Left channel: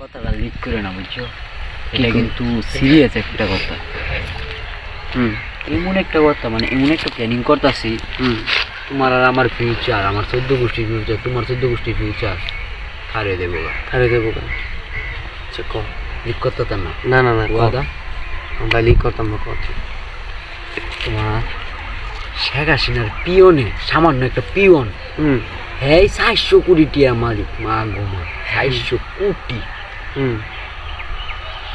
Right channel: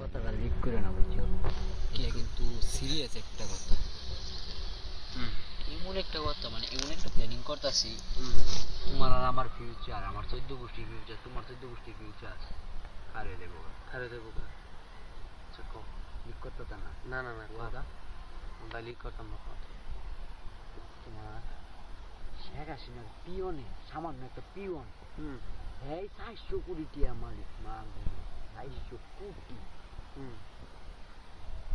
কথাটা লিক করে না বুঝছো, এটা কিন্তু সিরিয়াস একটা কথা। এমন একটা কথা, মানে এমন একটা প্ল্যানিং করতেছি, তোমার আর আমার ফিউচার, আমার 14 গোষ্ঠীর ফিউচার, তোমার 14 গোষ্ঠীর ফিউচার হারিয়ে দেবো গা। আচ্ছা ক লিক করতে না না না না ওয়াদা। আমরা লিক করতাম না কথা। তোমার শেখ হাসিনার পিয়নে, সামান্য একটা পিয়ন, হ্যাঁ 400 কোটি টিয়া মালিক। মা গোমা 400 কোটি।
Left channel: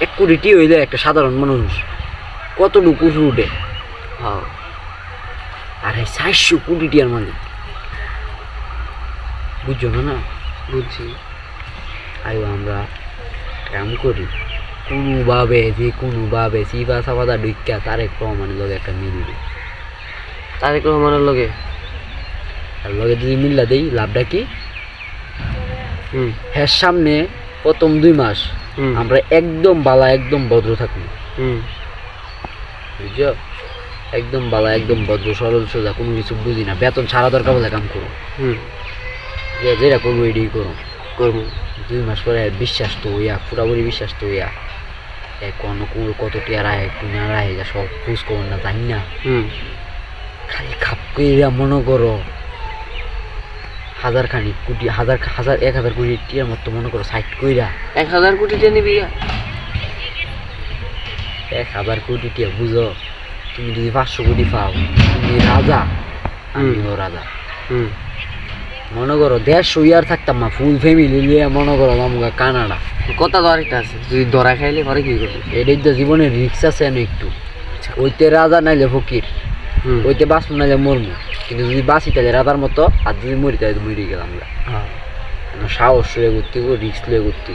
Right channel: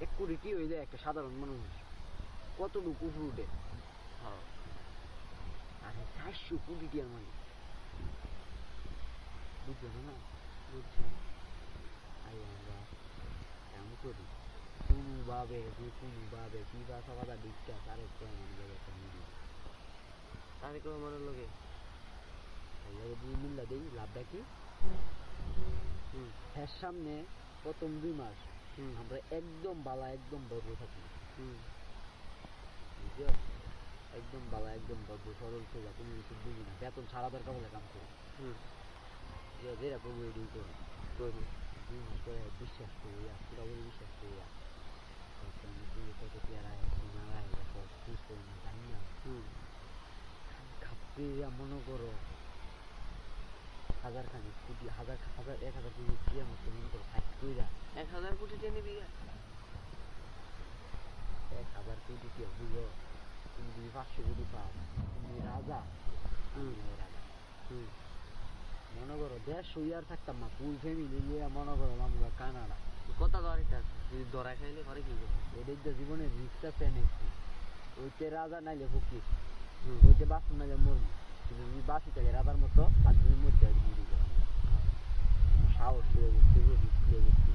1 কোটি টি হইলে একটা সাধারণ মানুষ কতটুকু উঠে। হ্যাঁ আর এই 400 কোটি টিয়ার মালিক, বুঝছো না? বুঝছি। আইও আমরা কাম করি কোনোভাবে সিফা সাফাদা ঢুকা তারেক রহমানের লগে একটা মিলবে। তারেক রহমানের লগে আর লগে যদি মিল্লা দেই, লাভটা কি? হ্যাঁ, সামনে প্রথম 2 মাস আমরা একদম বালা, একদম ভদ্র থাকবো, বুঝছো? একদম বালা, একদম ভদ্র, সরল সোজা, কোনো কিছু বুঝি না, বেতন ছাড়া দরকার বলে কাম করো, যেটা করবো এটাই করবো। 2 মাস পরে বিশ্বাস তো হইয়া, পুরাপুরি বিশ্বাস তো হইয়া, কোনো কত টিয়া রায় একটু না রায়, যা সব খোঁজ খবর না জানি না, খালি খাপ কইরা মনে করো 1000 খানিক কোটি, 1000 কোটি টিয়ার মতো মনে করো, সাইড কইরা 1000 কোটি টিয়া নিবি। 1000 কোটি টিয়া বুঝো, তুমি যদি 500 কোটি পাও, তুমি রাজা, আমিও রাজা। মনে করো 150 ইয়ার থাকতাম না, ফুল ফ্যামিলি নিয়ে মনে করো মামুগা কানাডা। কথা তো আরেকটা আছে, তুই ধরা খাইলে ঘরে কি করবি? এটাই তো জীবনের রিক্স আছে না একটু। ওইতে রাজা নাইলে ফকির, ওইতে বাঁচবো নাইলে মরমু, কিন্তু যদি বাঁচি তাহলে রাজার মতো, আর যদি মরি তাহলে মরি গেলাম আমরা। সাহস লয়ে ঘুরতে, রিক্স লয়ে ঘুরতে।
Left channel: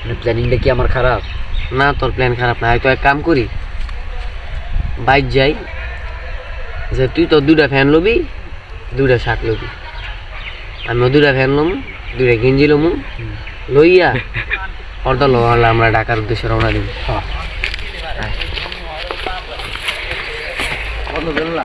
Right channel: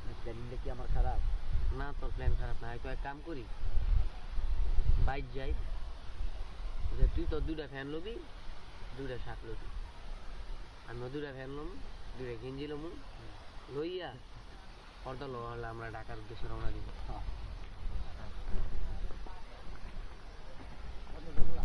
মানে প্ল্যানিংটা কি আমার খারাপ না? তোর প্ল্যান খারাপ না। হয়তো এক কাম করি, বাইক যাই, যে তুই তো 2টা ফ্যান লবি, 2টা শার্ট লবি, আমিও 2টা ফ্যান লম, 2টা গেঞ্জি লমু, লইয়া অর্ধ লোহালে আমরা ঢাকার উদ্দেশ্যে রওনা দিব।